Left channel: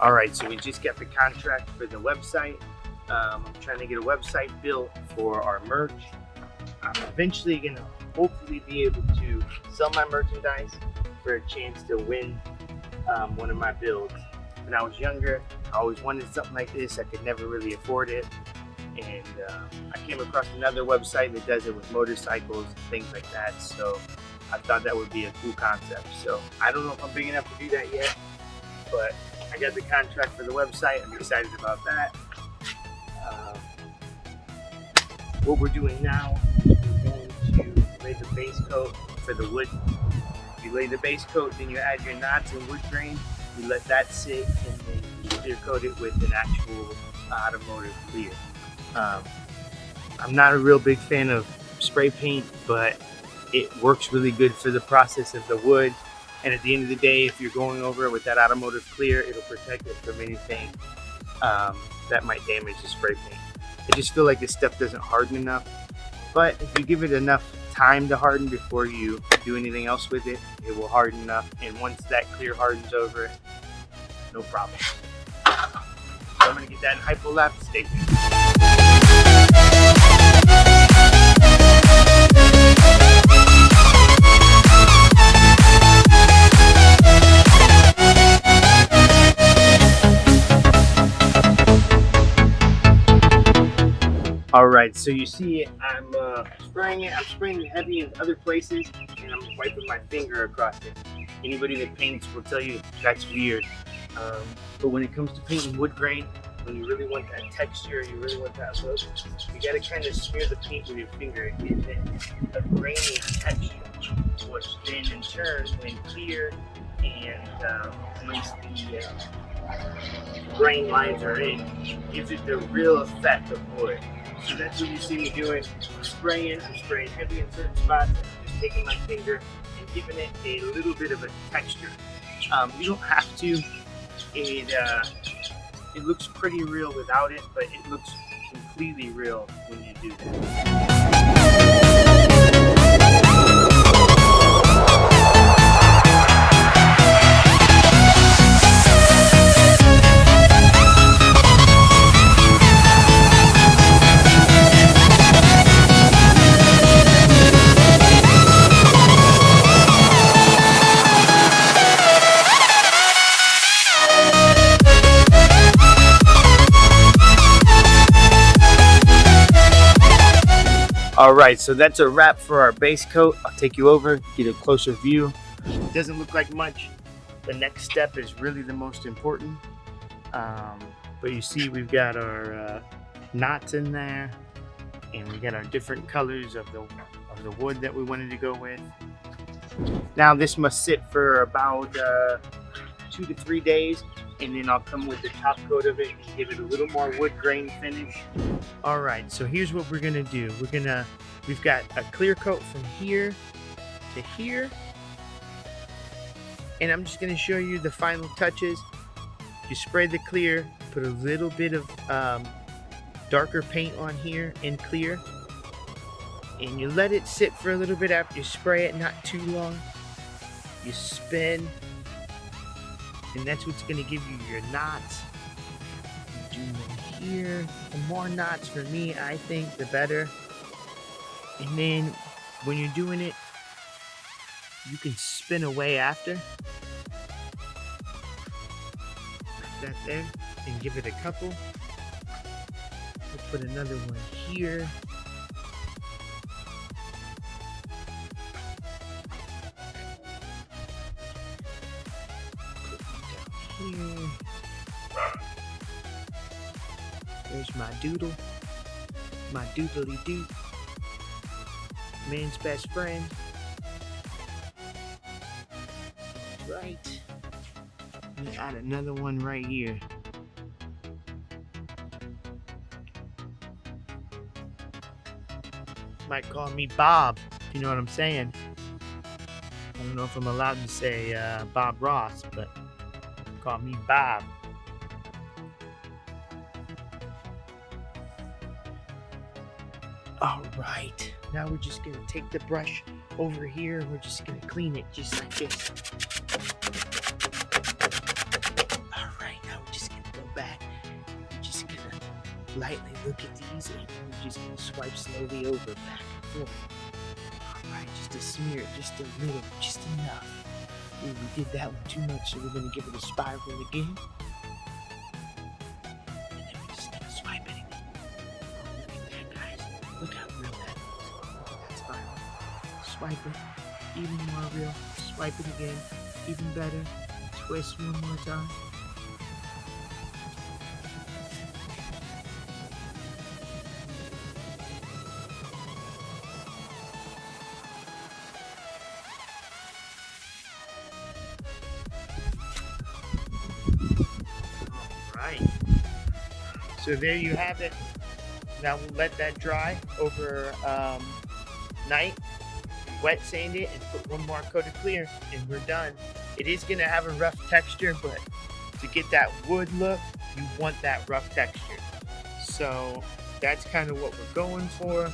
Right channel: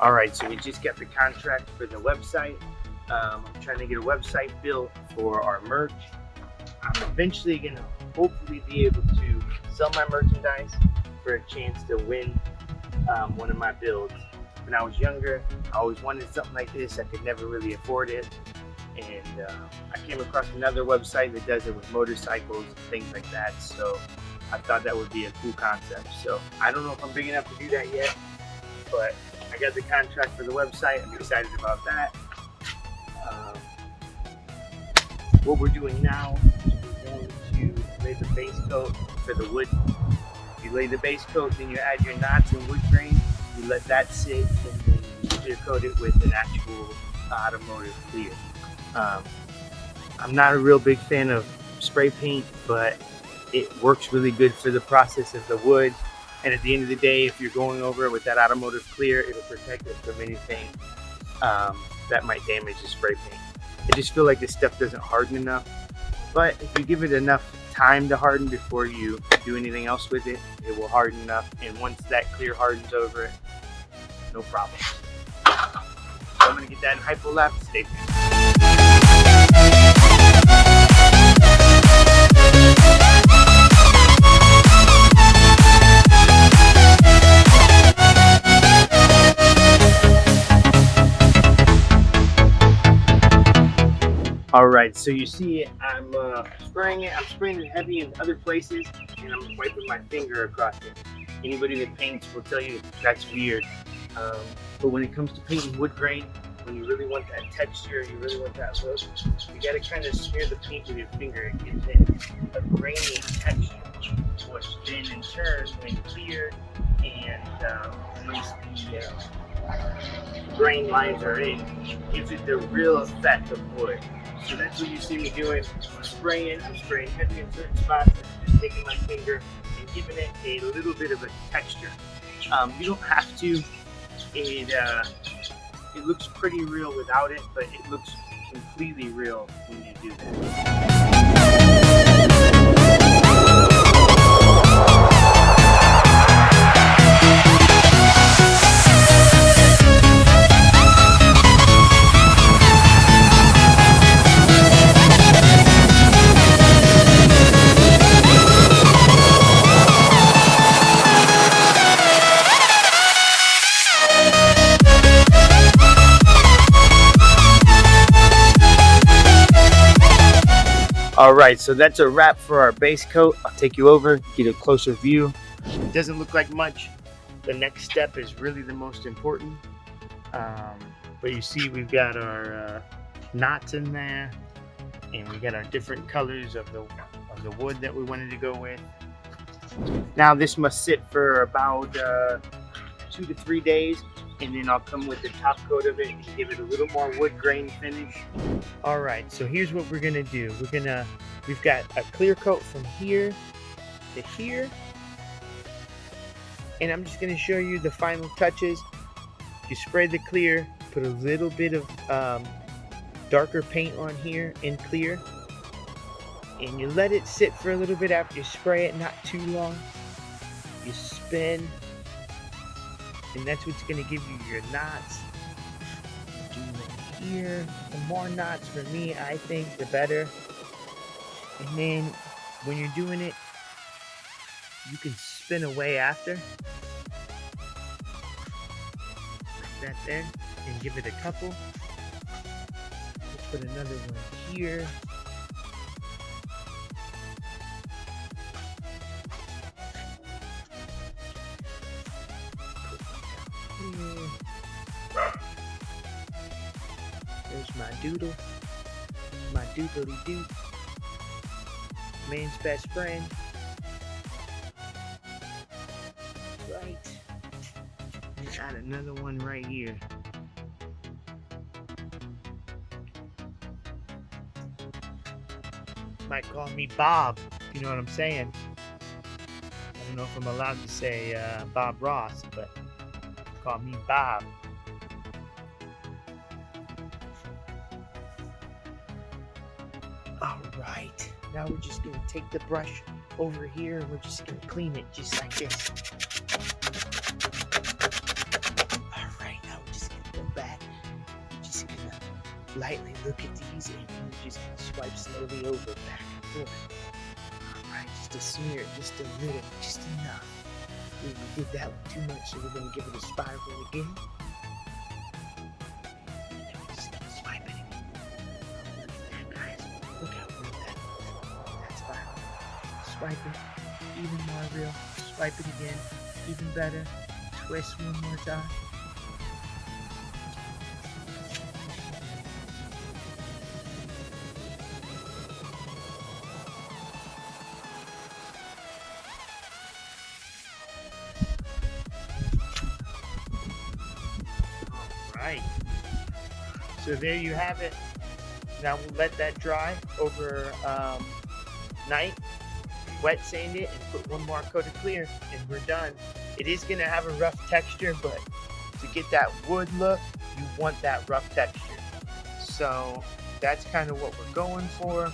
All right, so we just got the contract for the website. I'm trying to get a website built for our merch. I'm eventually gonna hopefully be able to sell my merchandise for a chance to win one of my builds. When I was younger, I always wanted something like this. I could never really afford it. And I came across another website that does it with motorcycles and things like that. So I thought that would be a cool concept. So I don't know if I'm big enough to do that yet, but I got the contract for the website. I'm excited about that. What we're doing now is we're going to lay the base coat for the wood. You lay the base coat, then you add your knots and wood grain. You let that sit, and then you clear coat it with an actual automotive clear. I'm not a real big fan of spray paint, but it works really good for the process of the wood. And at the end of the day, if you're going over it with that automotive clear, it'll protect it from anything that might damage the spray paint. I just feel like this stuff doesn't harden enough, but if you give it enough time to harden before you do anything else with it, it will harden enough. And once that clear hardens over it, no problem. So I'm gonna get that in hypo-lap. Stay tuned. All right, so you see I'm spraying it. I'm spraying it heavy in other places, and I'm wiping my finger across it. Anybody that paints will tell you that's weird. But when it comes to painting wood grain, when you really want that texture, you really want that look, you gotta kind of smear the paint with your finger and give it a grainy texture, which then in turn, when cleared and once the grain lines are in, gives it the real effect of wood. So that's what you see me doing. I'm spraying heavy in certain spots, and I'm just taking my finger and giving it a little bit of a texture. You don't have to. It looks pretty real without it, but it looks completely real when you do that. All right, so that's a wrap for our base coat. I'll take you over, get a closer view. It doesn't look like much. The next step is really the most important. But you see we've got our knots in there, and we got our different colors of the wood that we wanted to go with. Now this must sit for about 2 to 3 days, and then I'll come with the top coat of it and give it a little more wood grain finish. All right, so here's what we're gonna do. We've got a clear coat from here to here, and I'm just gonna show you the final touches. You spray the clear, put a little bit of darker paint on here in clear, and you let it sit for a little bit after you spray it, not too long. You spin, and that's what's gonna give you your knots. Do them here. The more knots for me, I think, the better. And then when you're doing it, you can spin away after, like that there, and give it a couple. We'll put another one here. There's my doodle, my doodly doo, man's best friend. Right. We got another one right here. Might call me Bob, you know what I'm saying. I don't know if I'm allowed to say Bob Ross, but call me Bob. All right, now we're just gonna take the brush over here and we're just gonna clean it just like this. All right, now we're just lightly look at these, and then you just swipe slowly over, back and forth. Alright, just a smear, just a little, just enough. Ooh, we did that one too much, so we're going to give it a spiral again. Just swipe it. Oh, look at that, guys. Look how real that is. Look at that spiral. Swipe it. Even more real. Swipe it again. Even better. Twist one more time. Alright. So there you have it. Now we'll let that dry over night. Wet sand it and put one more coat of clear and we're done. It is going to have a rough texture, but to get that wood look, you want that rough texture. So that's kind of what we're going for.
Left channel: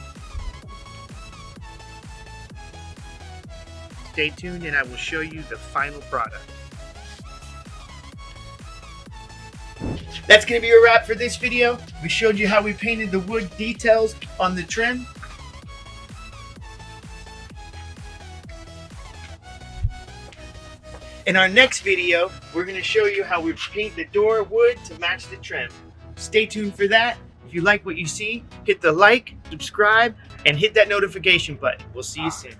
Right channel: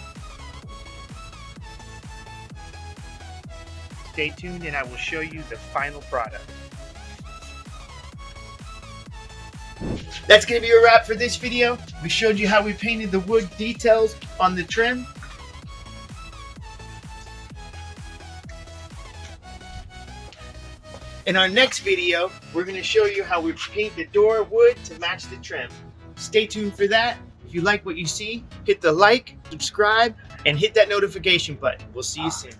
Stay tuned and I will show you the final product. That's going to be a wrap for this video. We showed you how we painted the wood details on the trim. In our next video, we're going to show you how we paint the door wood to match the trim. Stay tuned for that. If you like what you see, hit the like, subscribe, and hit that notification button. We'll see you soon.